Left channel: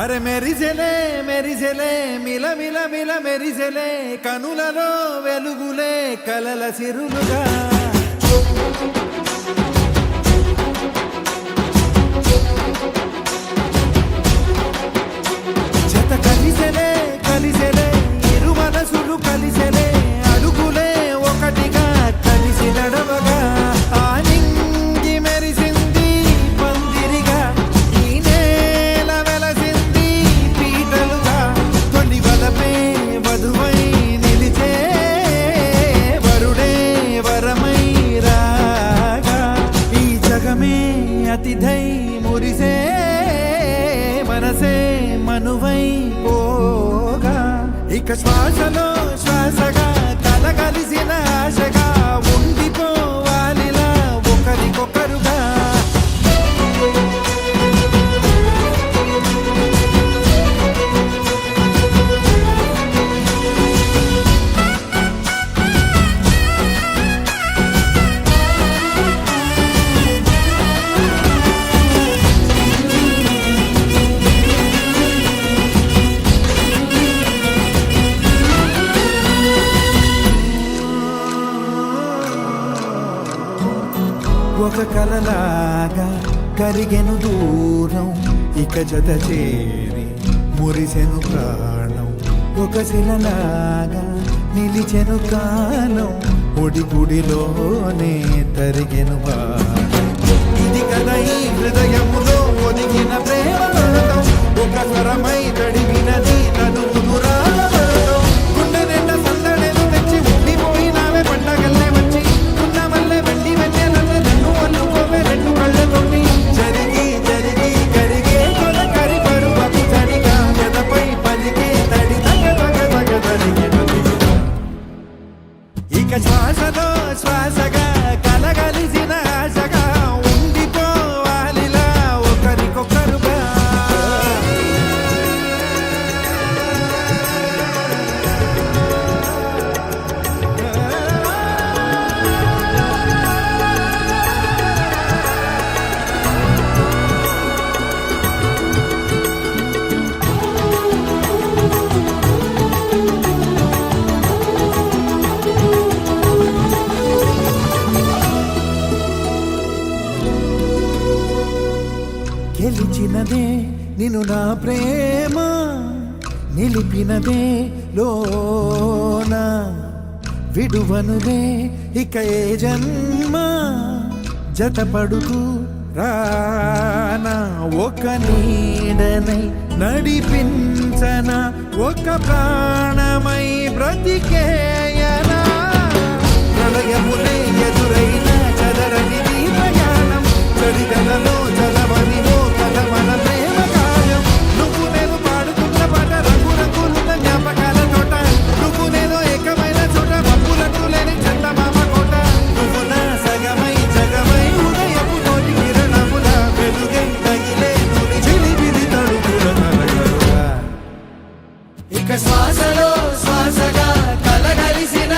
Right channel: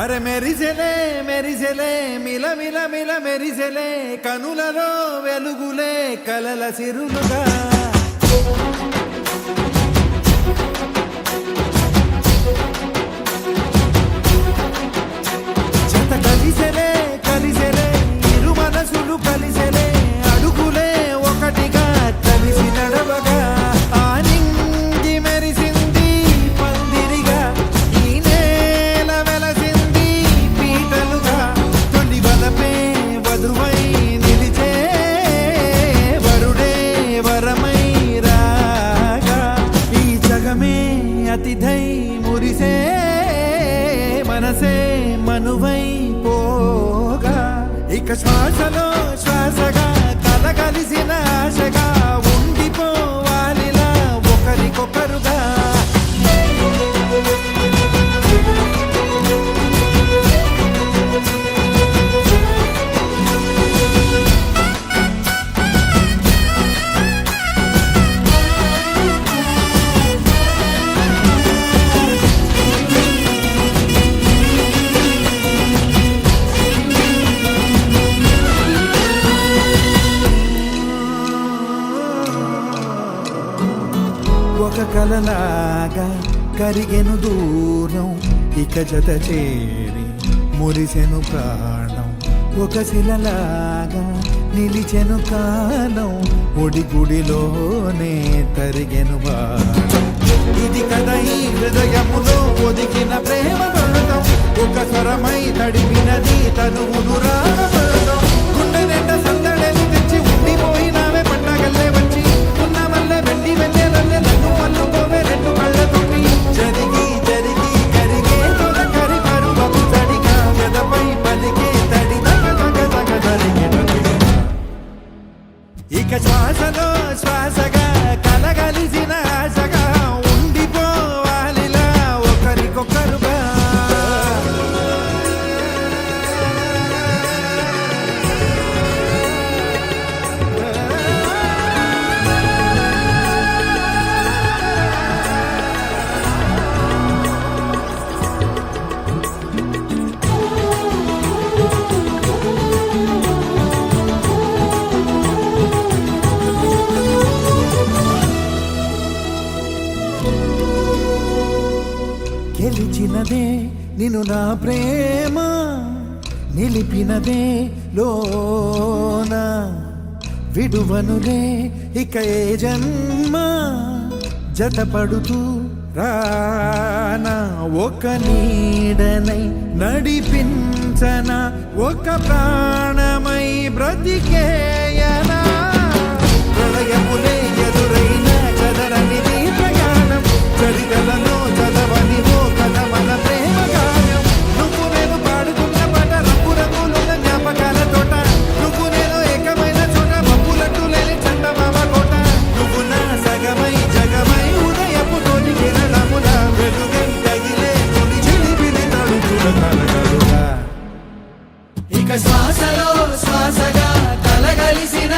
అరే మెరిసెలే మెరిసెలే మిల మిల మిల మెరిసెలే కనులలో వెలుగులే కలల సిరులుగా జత కలిసెలే కలిసెలే ఇరు మనసులు కలిసెలే అడుగులే ఒకటిగా కలిసి నడవగా ఆ నింగి మెరిసింది పందిరిగా ఈ నేల వెలసింది పీటలుగా తొలి వలపే వధువై నిలిచే వరుడే వరమై రాగా ఈ జగమే అతిథై మురిసే మనసే మనువై పోగా ఇక శ్వాసలో శ్వాసగా కలగలిసిన ఆశగా ఉండిపోవాలిలా ఒకరికొకరుగా ఒక కలలాగా కరిగెను దూరం ఇక జత చేరి మురిసెను ప్రాణం ఒక శిలలాగా నిలిచెను కాలం ఒడిగుడిలోనే తరిగెను వారం ఇది కదా ఈ హృదయములో ఒదిగిన ప్రేమ పడతాం ఒక స్వరమై తడివినది తనువును రాగపడతాం గుండె నిండా సందడేలు తెచ్చి ఉండిపోయినావే పండగల్లే వచ్చి మల్లె వెండి వెన్నెలల్లే నన్ను అల్లుకోవే రెండు కళ్ళతోటి జరిగి జరిగి కరిగే తొల కరి పరువకు తడిగా ఎదపై పలికే తడి తగ తగ తగ తరిగిన ఇక శ్వాసలో శ్వాసగా కలగలిసిన ఆశగా ఉండిపోవాలిలా ఒకరికొకరుగా గెలిచినదే నిన్ను నా ప్రేమ నిలిపినదే లోన విడువనులే ఇక ఏ జన్మ జతపడుతూ రానా ఒక నీడనై నడిపించన ఒక ప్రాణమై బ్రతికేయనా ప్రళయములే ఎదురైన చదరనిది ప్రయాణం చరితలలో చదవని ఓ కథ మన ప్రేమ కావ్యం నువ్వు నేను పాడుతున్న పాట రంగు రంగులున్న జ్ఞాపకాల తోట నువ్వు నేను ఏకమైన చోట మబ్బులట్టు లేని చందమామ కోట నువ్వు నా సగమై జగమై ఉదయపు తోటి కిరణముల వెలుగై తగిలే నులి చిలిబిలి తడుపుల తరగలుగా ఇక శ్వాసలో శ్వాసగా కలగలిసిన